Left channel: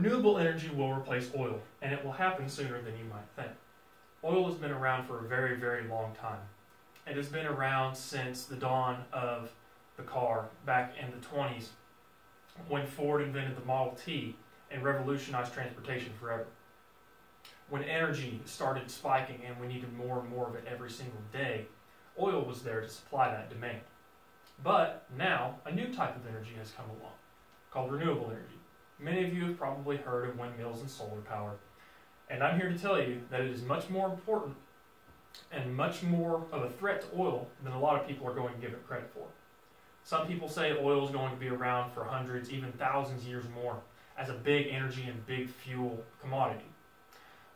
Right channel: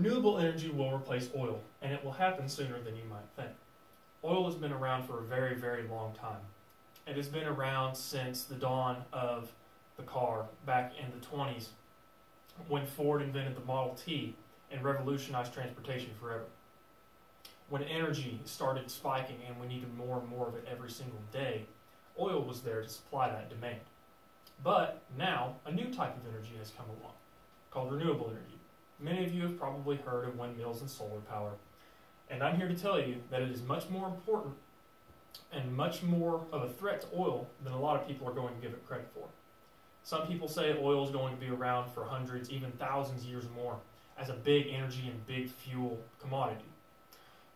Renewable energy will replace oil, and it will happen sooner than you might think. Oil has been around for a very, very long time. It has been around since the dawn of the car back in the 20s when Ford invented the Model T and revolutionized transportation forever. When energy started spiking and we needed more and more of it every single day, oil was there to supply that demand. But now, a new type of energy has come along, called renewable energy. Many of you have probably heard of windmills and solar power, and I'm here to tell you that it is much more important and much more of a threat to oil than a lot of people are going to give it credit for. Some people say oil is going to be around for hundreds, even thousands of years more, as a big energy and big fuel commodity.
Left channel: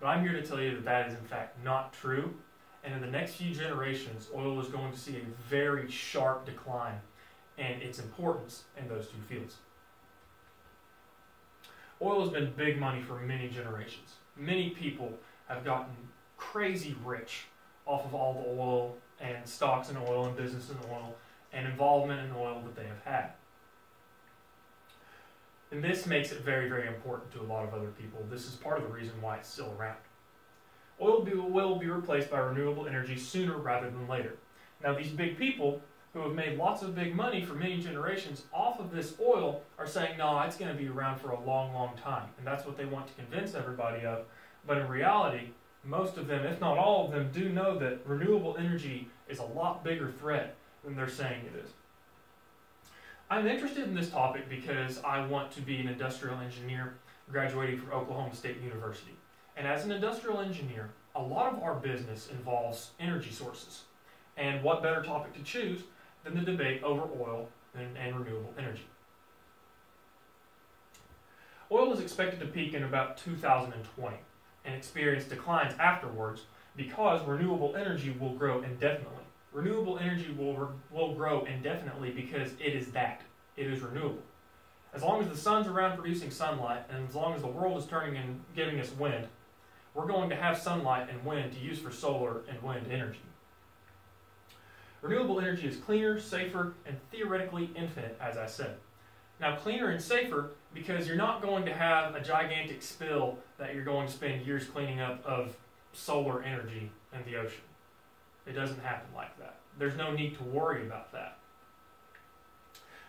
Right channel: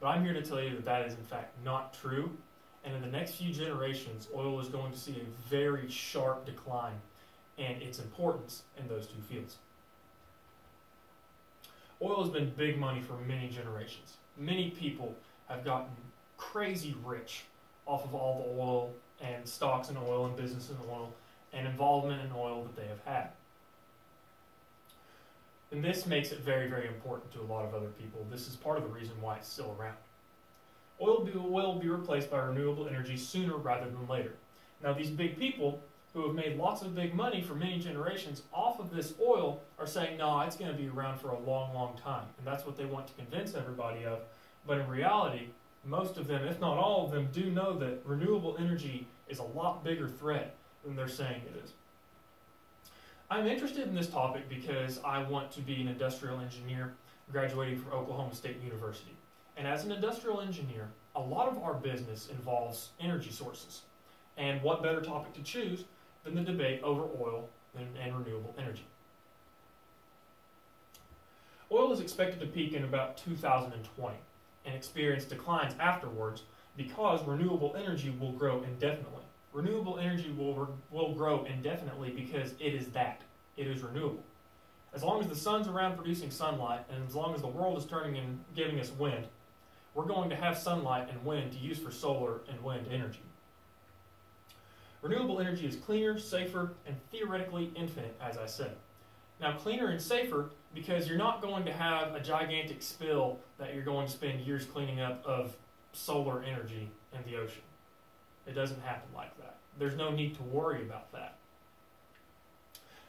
But I'm here to tell you that that is in fact not true, and in the next few generations, oil is going to see a very sharp decline in its importance in those two fields. Oil has been big money for many generations. Many people have gotten crazy rich off of all the oil and stocks in oil and business in oil and involvement in oil that they have had. And this makes it very, very important to a lot of other people. This is part of the reason why it's still around. Oil will be replaced by renewable energy sooner rather than later. Now, these big people who have made lots of big money for many generations off of this oil are saying, no, it's going to be around for a long, long time. And that's what they want to convince everybody of. But in reality, most of them, if not all of them, do know that renewable energy is a lot bigger threat than they're saying it is. I'm interested in this topic because I want to be an industrial engineer graduating from Oklahoma State University. And as an industrial engineer, a lot of our business involves energy sources. And what better topic to choose than the debate over oil and renewable energy. Oil is expected to peak in about 2020 and experience declines afterwards because renewable energy will grow indefinitely. Renewable energy will grow indefinitely because it is that. It is renewable. As long as the sun's around producing sunlight, and as long as the world is turning and giving us wind, we're going to have sunlight and wind to use for solar and wind energy. Renewable energy is cleaner, safer, and theoretically infinite, as I said. Now, cleaner and safer because you're not going to have a gigantic spill that you're going to spend years cleaning up of solar energy in the ocean. It doesn't happen like that. There's no need to worry about that.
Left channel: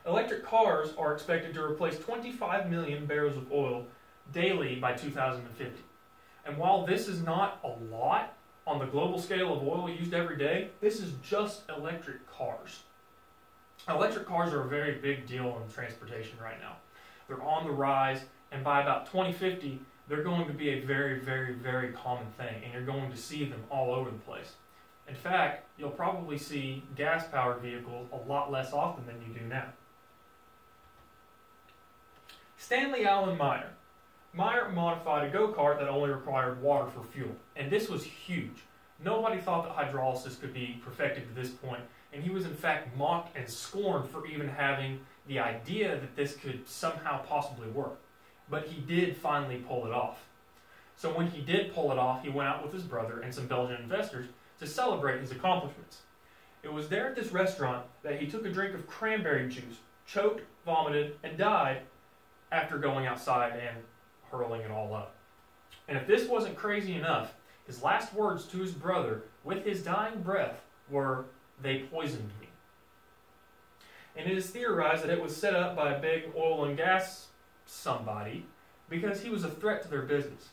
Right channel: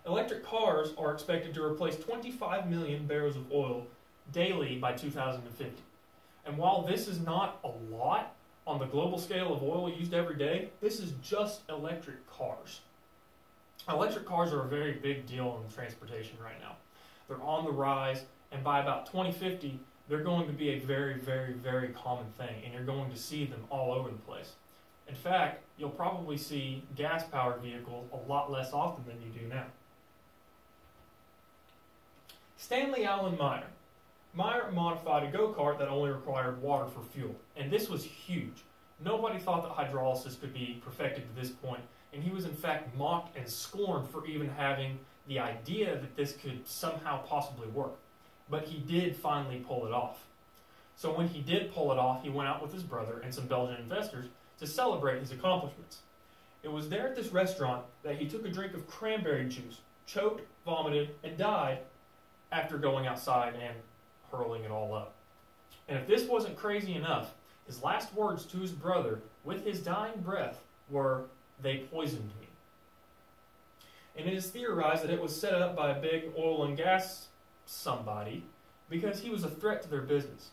Electric cars are expected to replace 25 million barrels of oil daily by 2050. And while this is not a lot on the global scale of oil used every day, this is just electric cars. Electric cars are a very big deal in transportation right now. They're on the rise, and by about 2050, they're going to be a very, very, very common thing, and you're going to see them all over the place. In fact, you'll probably see gas-powered vehicles a lot less often than you do now. Stanley Allen Meyer. Meyer modified a go-kart that only required water for fuel, and this was huge. Nobody thought that hydrolysis could be perfected to this point, and he was in fact mocked and scorned for even having the idea that this could somehow possibly work. But he did finally pull it off. So when he did pull it off, he went out with his brother and some Belgian investors to celebrate his accomplishments. It was there at this restaurant that he took a drink of cranberry juice, choked, vomited, and died after going outside and hurling it all up. And if this wasn't crazy enough, his last words to his brother with his dying breath were, "They poisoned me." And it is theorized that it was set up by a big oil and gas somebody because he was a threat to their business.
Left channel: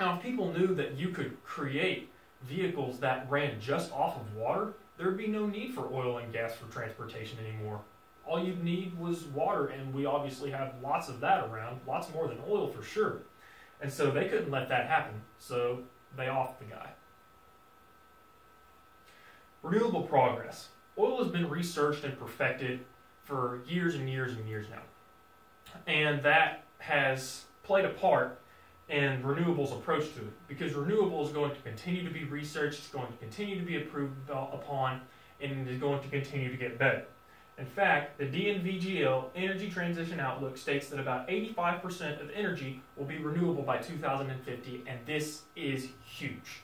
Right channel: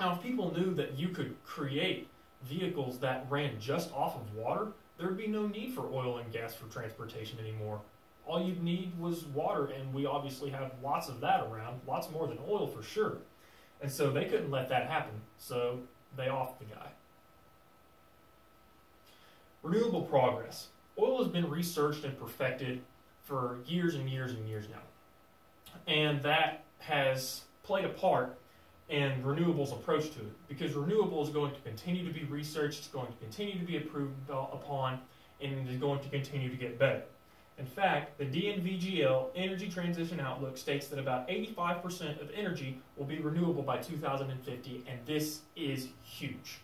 Now, if people knew that you could create vehicles that ran just off of water, there would be no need for oil and gas for transportation anymore. All you'd need was water, and we obviously have lots of that around, lots more than oil for sure. And so they couldn't let that happen, so they offed the guy. Renewable progress. Oil has been researched and perfected for years and years and years now. And that has played a part in renewables' approach to it, because renewable is going to continue to be researched, it's going to continue to be improved upon, and it is going to continue to get better. In fact, the DNVGL Energy Transition Outlook states that about 85% of energy will be renewable by 2050, and this is huge.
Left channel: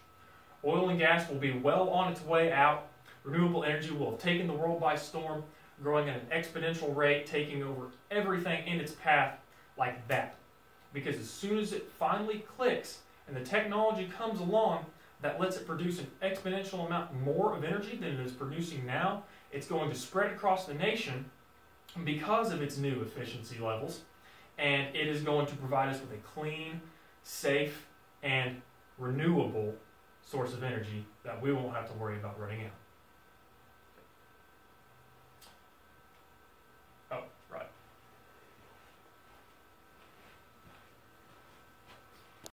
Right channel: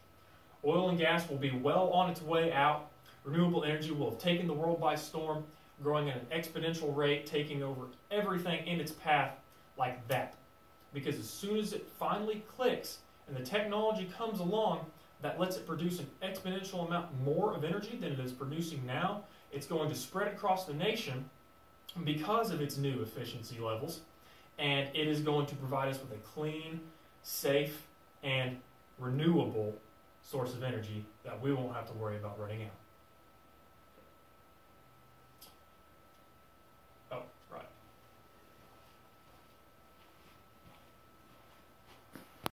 Oil and gas will be well on its way out. Renewable energy will have taken the world by storm, growing at an exponential rate, taking over everything in its path like that. because as soon as it finally clicks and the technology comes along that lets it produce an exponential amount more of energy than it is producing now, it's going to spread across the nation because of its new efficiency levels, and it is going to provide us with a clean, safe, and renewable source of energy that we won't have to worry about running out.